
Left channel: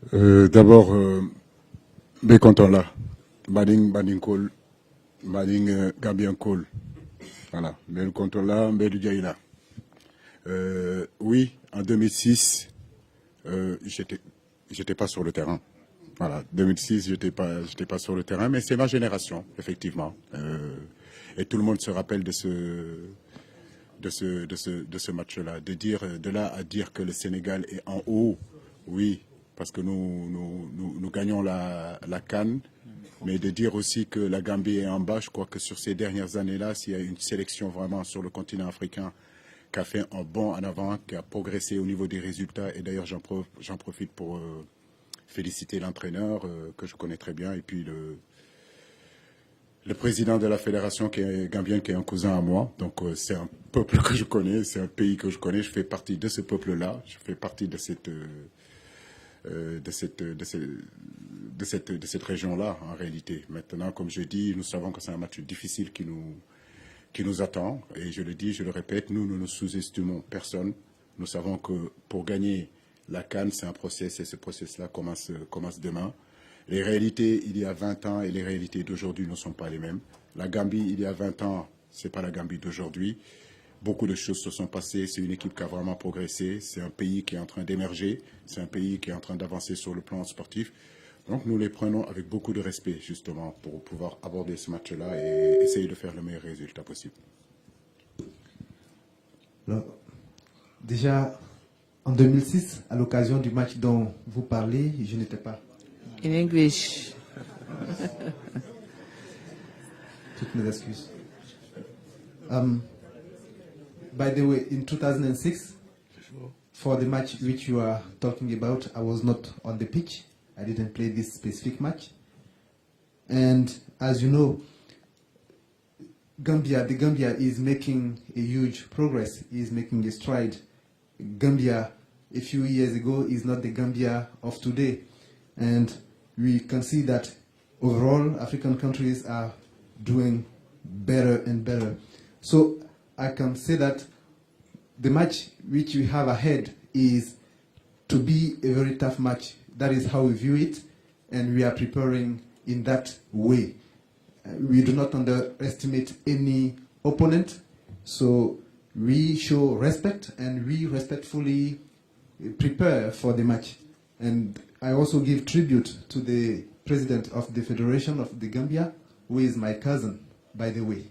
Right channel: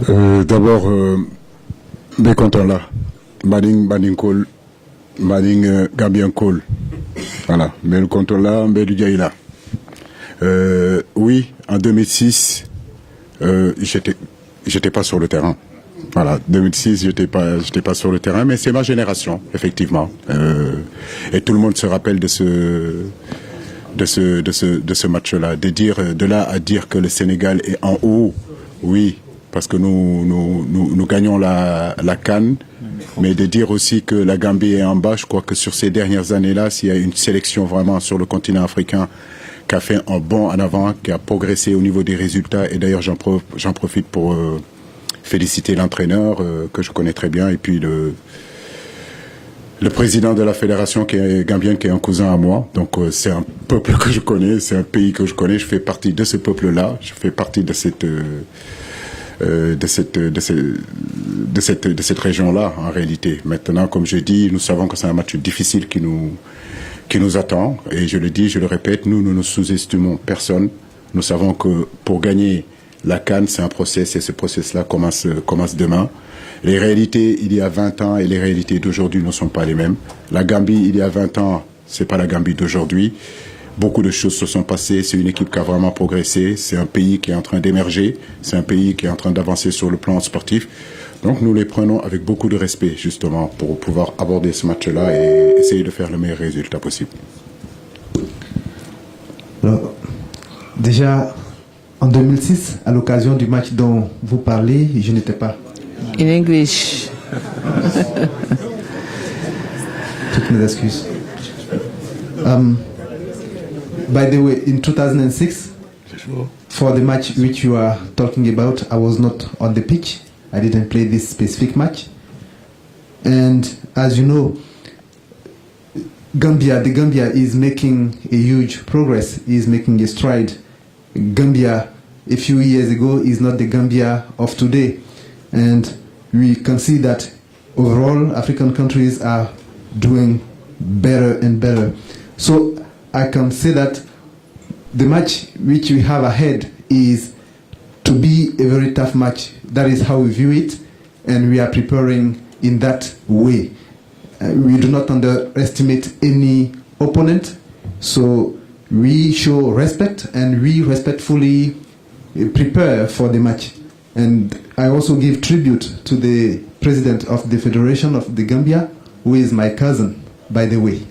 D'abord, bien content là. Bading Cole. Mading Gambien Cole. Voilà, mais le contrôle là, mais du là. Oui, en 2006, j'étais pas sur le terrain. Voilà, 2006, j'étais pas sur le terrain, mais c'est ma génération, effectivement. Et tout le monde se rappelle de ce match-là. De là à dire que le Sénégal est en haut, oui, parce que nous gagnons la CAN. Mais de dire aussi que la Gambie est en bas, je crois que sur ces dernières années-là, s'il y a une sélection vraiment sur le continent africain qui a fait un bond en avant, qui a progressé au niveau des résultats, et d'ailleurs j'en profite pour féliciter l'entraîneur que je connais très bien, et puis le président de la fédération qui est gambien, qui est un cousin à moi. Donc c'est un peuple que je connais, c'est un pays que je connais, je fais partie de ce peuple-là, je fais partie de cette région-là, en réalité. Maintenant, comme je dis, nous savons que c'est un match difficile qui nous attend. Et je le dis, je le répète, nous ne sous-estimons personne. Nous savons que pour gagner la CAN, c'est un process, et ce process-là commence demain. Les réalités il y a 20 ans et les réalités d'aujourd'hui ne sont pas les mêmes. La Gambie, il y a 20 ans, c'est pas la Gambie d'aujourd'hui. Beaucoup de choses se sont passées, c'est une équipe qui a vraiment progressé, c'est un pays qui est en train d'émerger, c'est un pays qui est en train d'avancer sur le plan sportif. Donc nous les prenons avec beaucoup de respect, justement, pour pouvoir aborder ce match-là et essayer de faire le meilleur résultat possible. Alors, déjà, en 2006, à l'occasion du match dont vous parlez, je n'étais pas. In English. Toutes mes excuses. By the way, in 2006, for the match which you are talking about, I was not on the pitch. I didn't play this specific match. And as you know, the Gambia is making a huge progress, is making a stride. Gambia, a few years ago, is not the Gambia of today. And we can see that overall African countries are doing better and better. So I can say that the match which we have ahead is to be a very tough match. That is how we view it, and we are preparing in that way. We do not underestimate any opponent, so we show respect and we respectfully prepare for the match. And I also give tribute to the president of the Federation of the Gambia, who is my cousin, by the way.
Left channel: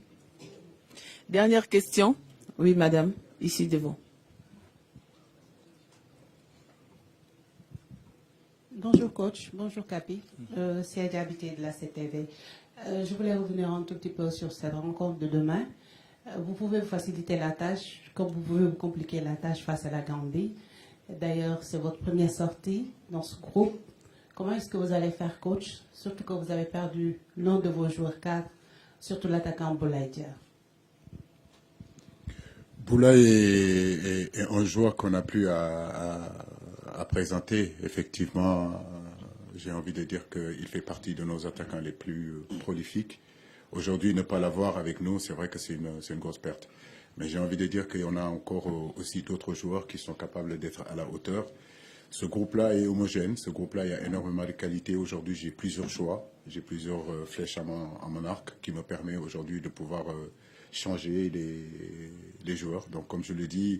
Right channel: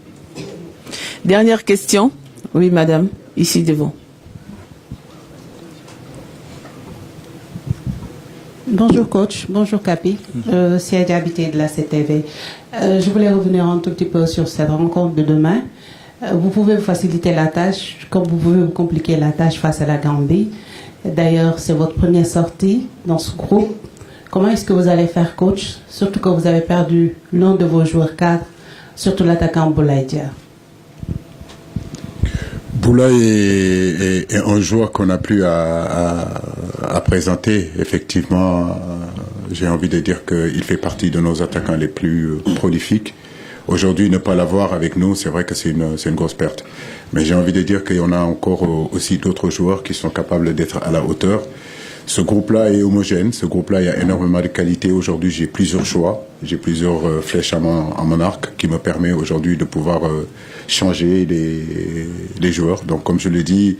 Dernière question. Oui, madame, ici devant. Bonjour coach, bonjour Capi, c'est Adja Habité de la CTV. Je voulais revenir un tout petit peu sur cette rencontre de demain. Vous pouvez vous faciliter la tâche, comme vous pouvez vous compliquer la tâche face à la Gambie. D'ailleurs, c'est votre première sortie dans ce groupe. Comment est-ce que vous allez faire coach, surtout quand vous avez perdu l'un de vos joueurs cadres, surtout l'attaquant Boulaye Dia? Boulaye est un joueur qu'on n'a plus à présenter. Effectivement, j'ai envie de dire qu'il fait partie de nos attaquants les plus prolifiques. Aujourd'hui, ne pas l'avoir avec nous, c'est vrai que c'est une grosse perte. Mais j'ai envie de dire qu'il y en a encore aussi d'autres joueurs qui sont capables d'être à la hauteur. Ce groupe-là est homogène, ce groupe-là, il y a énormément de qualité. Aujourd'hui, j'ai plusieurs choix, j'ai plusieurs flèches à mon arc qui me permet aujourd'hui de pouvoir changer les joueurs. Donc, comme je l'ai dit,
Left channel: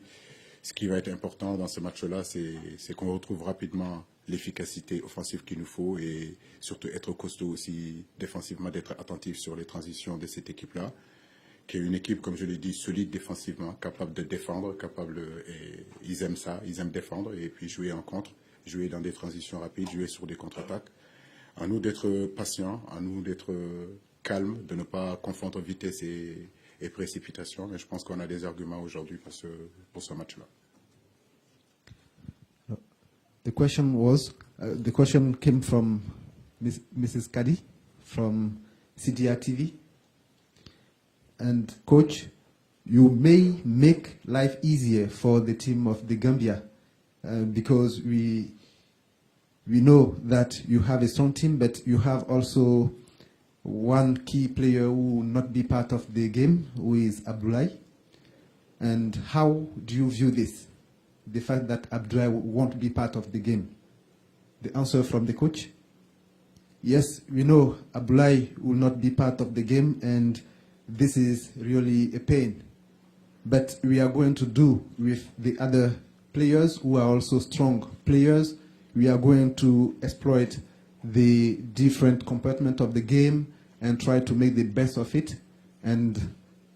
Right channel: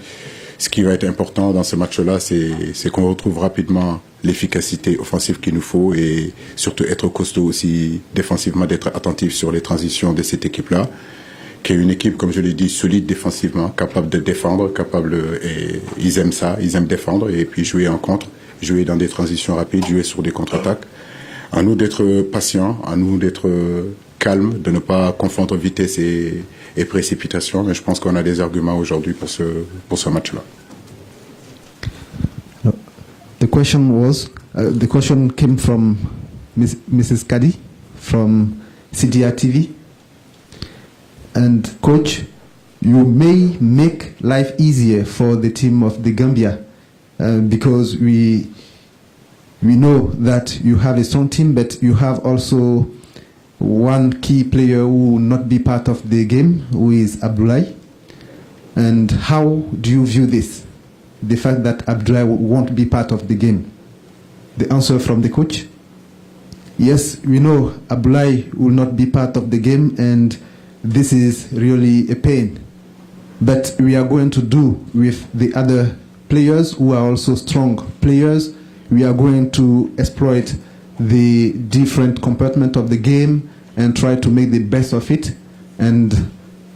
ce qui va être important dans ce match-là, c'est qu'on retrouve rapidement l'efficacité offensive qu'il nous faut et surtout être costaud aussi défensivement, d'être attentif sur les transitions de cette équipe-là, qui est une équipe, comme je l'ai dit, solide défensivement, capable de défendre, et ils aiment ça, ils aiment défendre et puis jouer en contre, jouer dans des transitions rapides, jouer sur des contre-attaques. À nous d'être patients, à nous d'être calmes, de ne pas confondre vitesse et précipitation, mais je pense qu'on a des arguments aujourd'hui pour ce match-là. The question came from Mrs. Kadi from CDR TV. And coach, you may make life easier for the team of the Gambia because we know that you have a strong team, but you have also one key player who will not be part of the game, who is Abdoulaye. And how do you view this? The fact that Abdoulaye won't be part of the game? The answer from the coach? Yes, we know Abdoulaye will not be part of the game, and this is really a pain. But we are going to do with the other players who are also strong players. We are going to exploit the different compartment of the game and try to make the best of it. And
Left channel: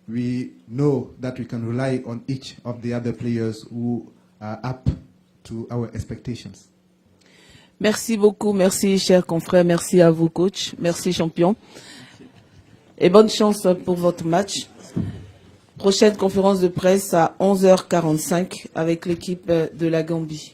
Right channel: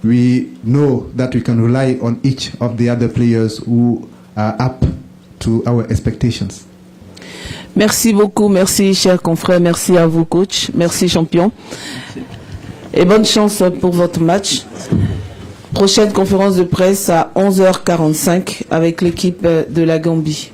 we know that we can rely on each of the other players who are up to our expectations. Merci beaucoup, merci chers confrères, merci à vous coach, merci champion. Et bonne chance pour votre match. Prochaine conférence de presse à 11h45 avec l'équipe de la Gambie.